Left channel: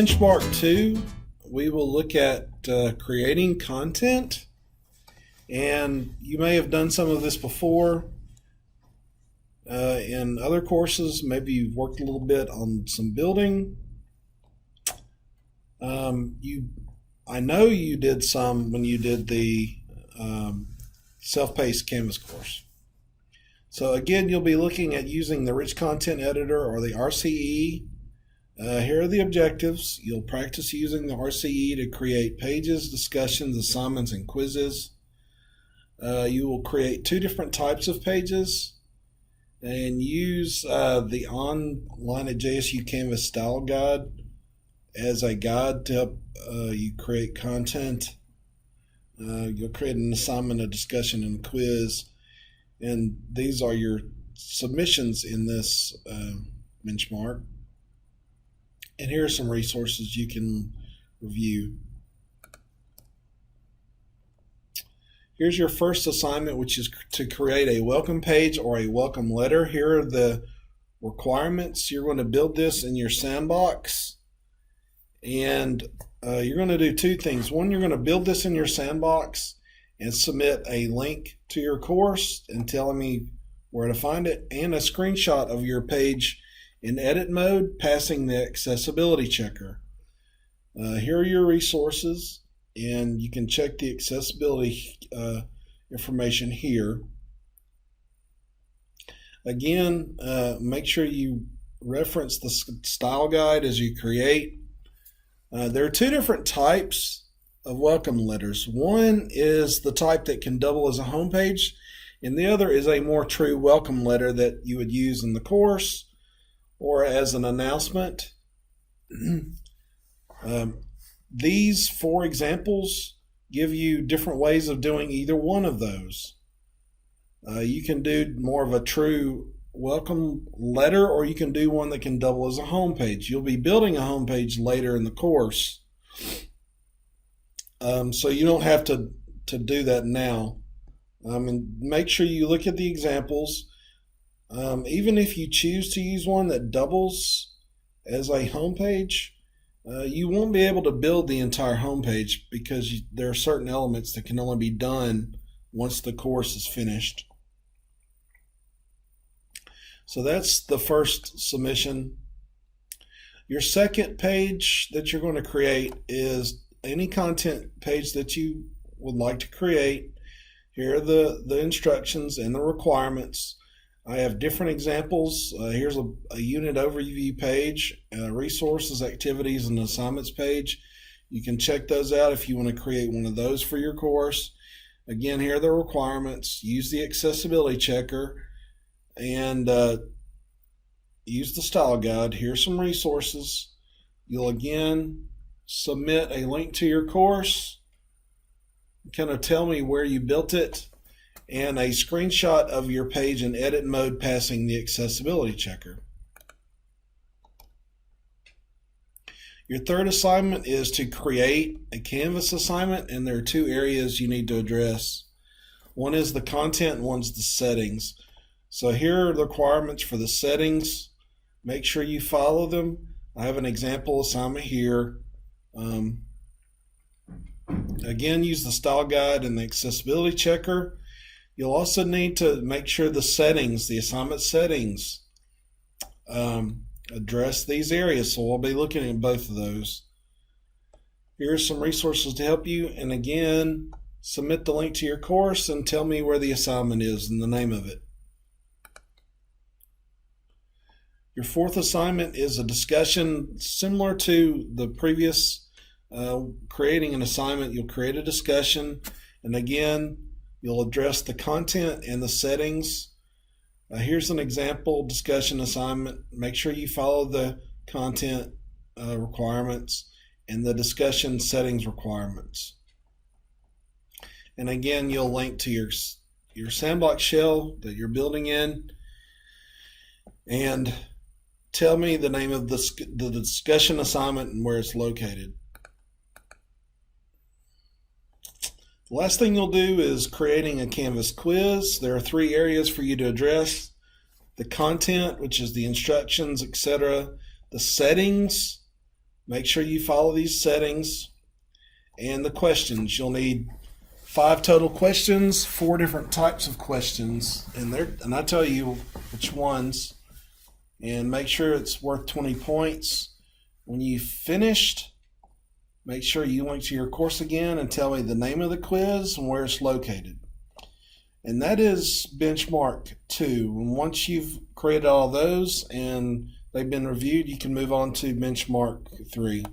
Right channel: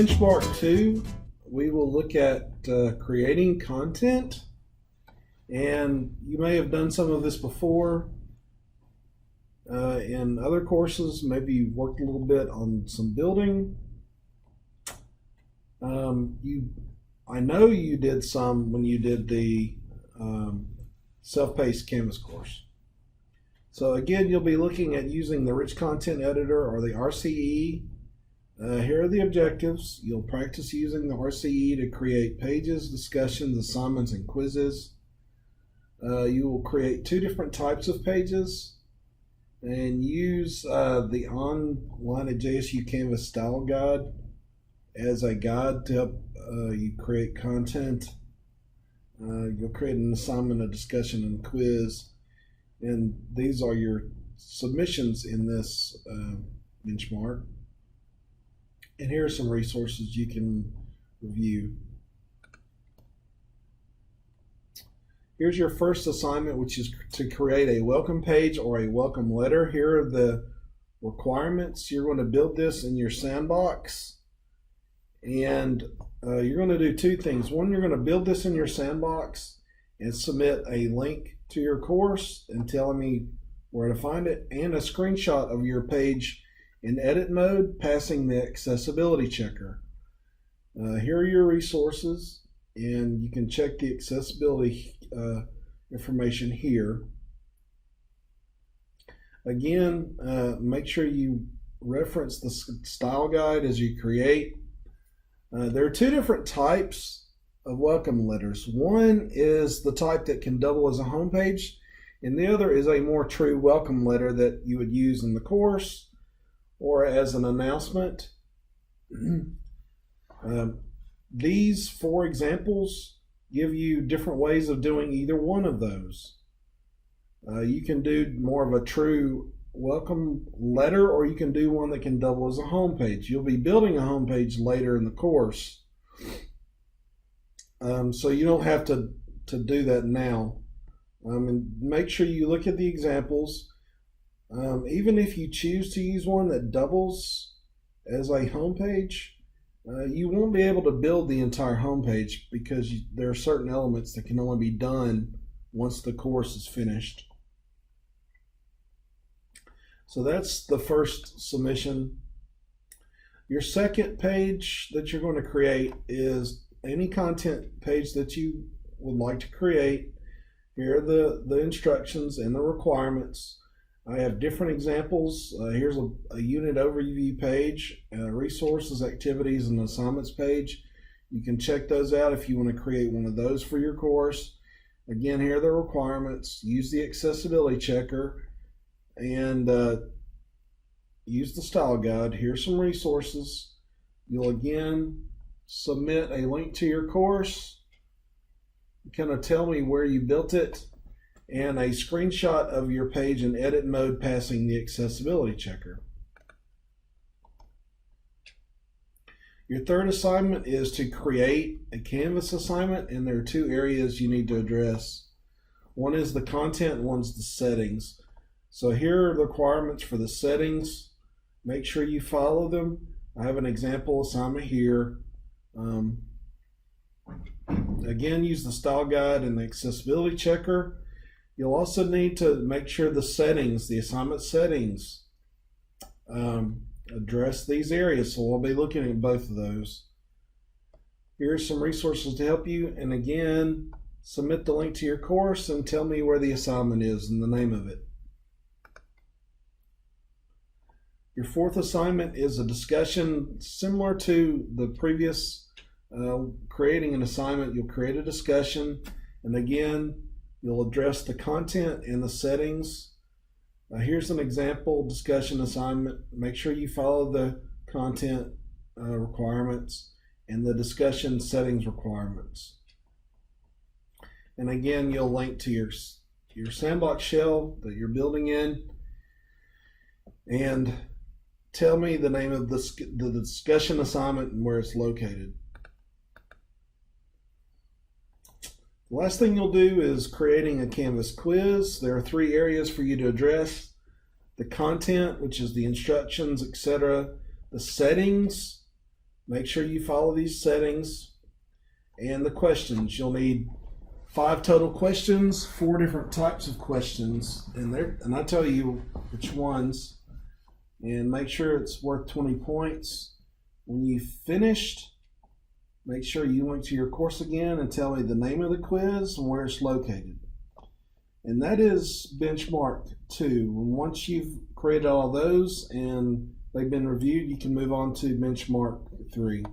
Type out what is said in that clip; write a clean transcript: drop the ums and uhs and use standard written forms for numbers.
benchmark 2, we will look at creating content. And you may have done some of this before in other courses. Maybe you've worked a little bit on some building. I know you did some when you did the self-paced Canvas course. So again, you'll be looking at using the Rich Content Editor or the RCE. Here are the objectives. You'll practice using the RCE to create pages, discussions, assignments, and quizzes. You will create 2 different types of pages and use the online at JSU Canvas style guide as a guide to help you create content. You'll create an assignment, a discussion, and a quiz. And these are your submissions in this benchmark. And here are some resources you can review. Here's your first assignment, which is to create a welcome page or a welcome letter. Here are the requirements. You're going to build this in your sandbox. And you're going to do 2 things. One, you're going to build this in your sandbox and submit a link to your course and telling me where to find it, and a screenshot of your page in edit mode passing the accessibility checker. Here are your resources, and you can check the accessibility information here. Again, make sure you reference the style guide as you create. There are 2 different types of welcome letters. One is the type that can double as a home page, and the other is a more true welcome letter that you would use in the course or as an announcement. These 4 examples give you different ways of doing either one of those. You can do more of a true welcome letter, or you can do one that can double as a home page. You'll be building a home page later in the course, so you don't have to do that now. And make sure you look at the examples. Even if you choose to use one that doubles as a home page, you won't be able to build the entire home page because there are certain elements that can only be done once the course is finished. So that's the first submission. Your second page that you're going to create is any content page that you would like to create. Here are the instructions and the requirements. I have different examples. Here's a unit overview page, resources, activities, and assignments page. You can check those out if you want to create one of those for your course. Again, here are the requirements. Use the accessibility checker and use the style guide. Here's some resources. You'll again submit a link to your course, kind of tell me where you built it, and a screenshot of your page in edit mode passing the accessibility checker. Your third assignment is to create a Canvas assignment, and there are 2 areas you need to address. One is the content and one's the settings. So here are the requirements for the settings. Make sure you follow them. I have an example assignment here. Again, use the style guide and the accessibility checker. You'll also need to make sure the settings, the assignment settings, address these areas. So we'll be looking at both of those. Here's some resources to help you. And again, submit the link to your course and tell me where the assignment is and the name of it. Your fourth assignment is a discussion similar to the previous creating an assignment. You'll create a discussion, and again, you'll address the content and the settings. Here's an example discussion assignment. Make sure you follow the content requirements and the discussion settings requirements. And again, you'll link to your sandbox shell that you're building in, and tell me the name of the discussion assignment and where it's located. The last thing you'll do is creating a Canvas quiz. There are 3 areas for you to address: the content, which is the instructions, etc., the settings, Make sure you follow these settings and the questions. You'll need 5 total questions, 4 different types of questions, and I tell you which ones. And make sure it's worth 20 points. When you've finished, make sure you link to your course again and tell me the name of the quiz and where it's located. And that is benchmark 2. And once you've created all those and they've been reviewed, you can move on to benchmark 3.